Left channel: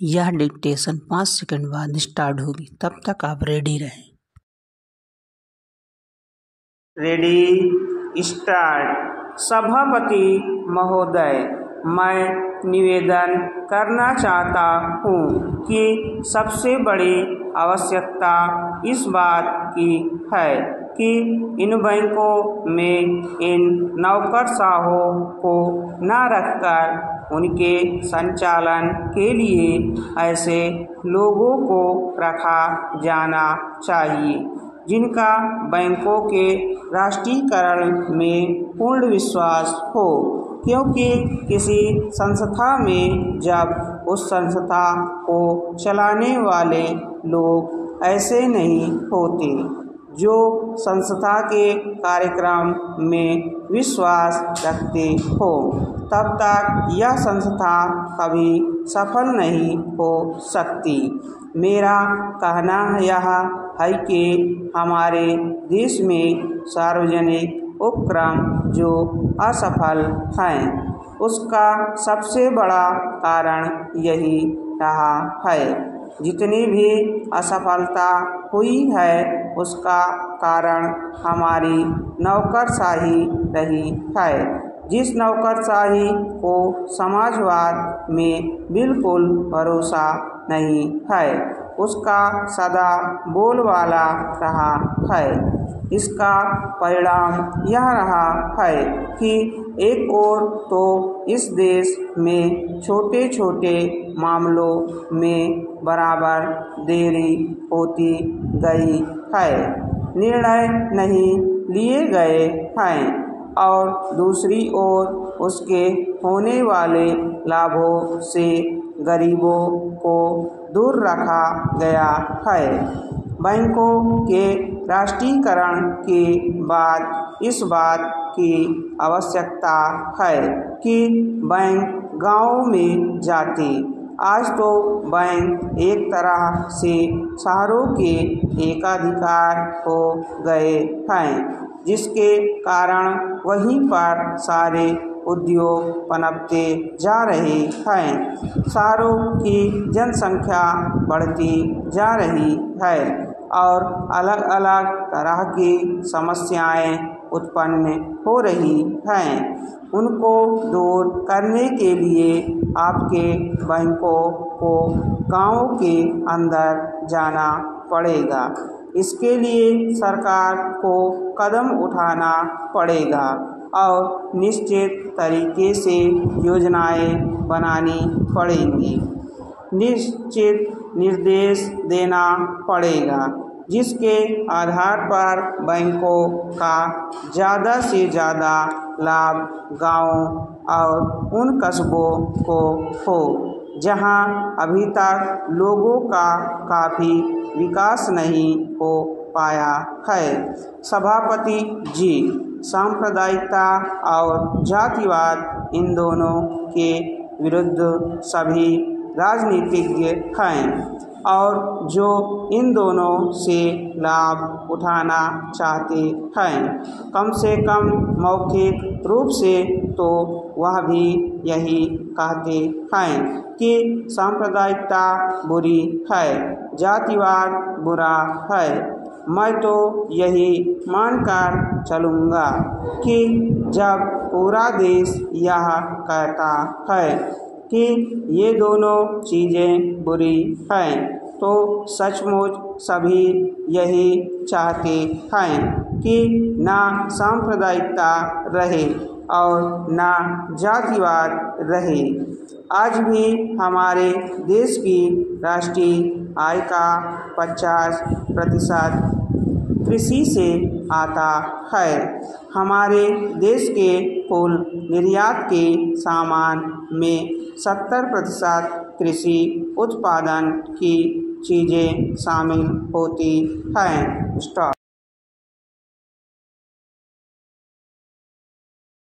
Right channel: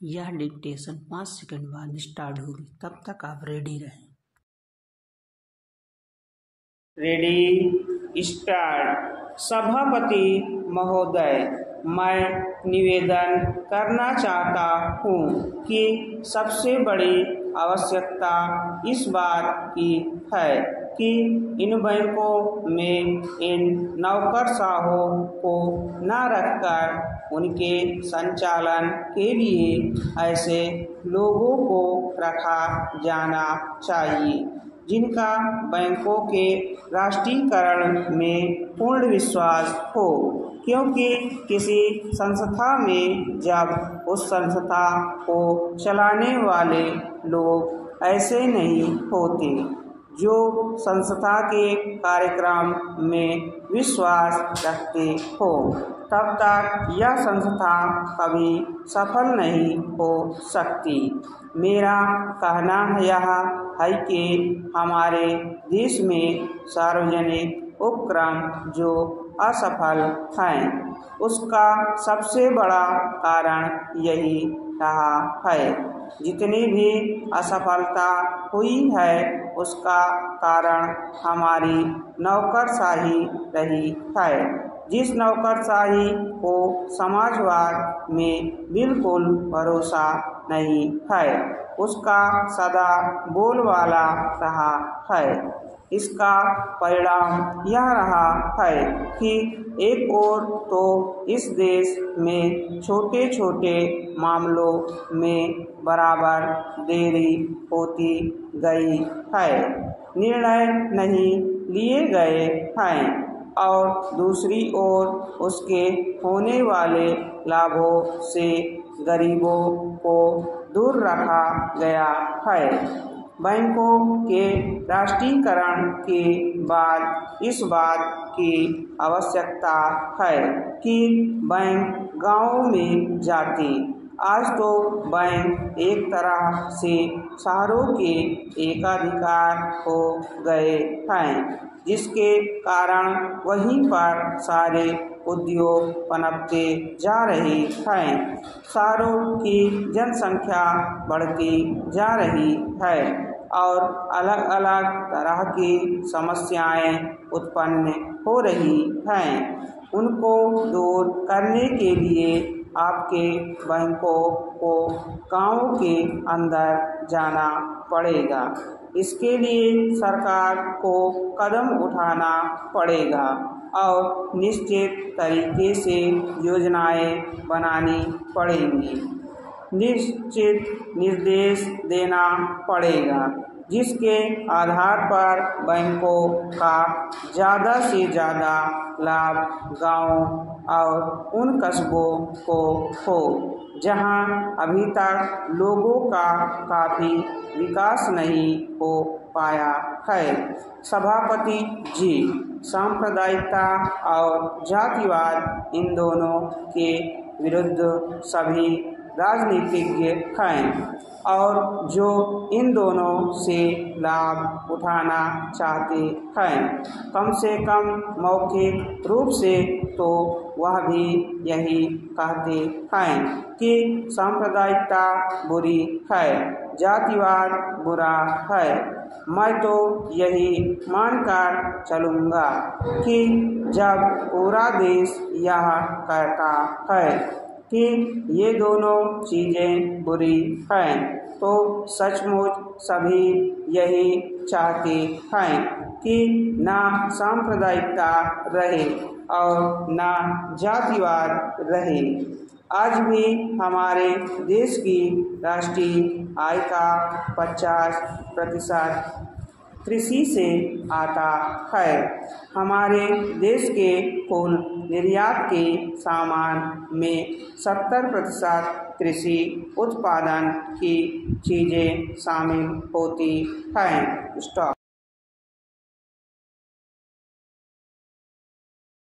यह dictation 5 second बाद start होगी, तब तक आप रेडी रहें। Ready start. सभापति महोदय, मैं निवेदन करना चाहता हूँ कि सबसे बड़ी आवश्यकता इस बात की है कि इन बैंकों में इन नौकरशाहों को न रखकर उनके संचालन के लिए ऐसे लोगों को रखा जाना चाहिए जिनका बैंकों के राष्ट्रीयकरण में पूर्ण विश्वास हो, क्योंकि किसी संस्था में जब उस संस्था को चलाने वाले लोग ऐसे नहीं होते जो संस्था के कार्यक्रम में विश्वास रखते हो, तब तक यह संस्था कभी सफल नहीं हो सकती। मेरा कहना यह है कि हमारे देश में सार्वजनिक उपक्रम जो असफल हैं, उसका सबसे बड़ा कारण यही रहा है। जितनी भी असफलता हुई है उसका कारण हमारी नौकरशाही रही है, जिस नौकरशाही को समाजवाद में बिल्कुल भरोसा नहीं है, उसका सदा बोलबाला रहा है। इसका परिणाम यह रहा है कि एक ओर तो इस देश में छोटे छोटे मामलों में बराबर देरी होती गई है, निर्णय नहीं लिए गए हैं, और दूसरी ओर उसके होने वाले लाभों से गरीबों को दूर रखा गया है। बैंकों के राष्ट्रीयकरण के बाद इस बात की आवश्यकता है कि बैंक गाँव में जाते। आज तो बैंक एक तरह से शहरों के एकाधिकार हो गए हैं, जिसके कारण वहीं पर सारे उद्योग पनपते जा रहे हैं। शहरों की जनसंख्या बढ़ती जा रही है और अलग अलग तरह की समस्याएं उत्पन्न हो रही हैं। उनको दूर करने के लिए आपके बैंकों को गाँव के अंदर जाना पड़ेगा। इसके लिए सरकार को कदम उठाना पड़ेगा और निश्चित तरीके से योजनाएं बनानी पड़ेंगी, निश्चित निर्देश देना पड़ेगा, जिसके आधार पर बैंकों का ज़्यादा से ज़्यादा लाभ गाँव और उन कस्बों को हो जहां अभी तक लोगों का काफ़ी विकास नहीं हो पाया है। सभापति जी, सांप्रदायिकता और जातिवाद इन दोनों के विरुद्ध सभी राजनीतिज्ञ हैं और जो इन दोनों से लाभ उठाना चाहते हैं, कम से कम मौखिक रूप से तो वह भी यही कहते हैं कि सांप्रदायिकता बुरी है, जातिवाद बुरा है। मैं तो यही मानकर चलूँगा कि जब पूरा देश यह कहता है कि ये दोनों चीज़ें बुरी हैं, तो सचमुच सभी यही चाहते हैं कि ना सांप्रदायिकता रहे और ना जातिवाद रहे। आज भी हमारे देश की राष्ट्रीय आय का 50% कृषि से आता है। हमारे देश के कुल निर्यात के सामान में 70% कृषि उत्पादन की चीज़ें शामिल होती हैं। स्टॉप।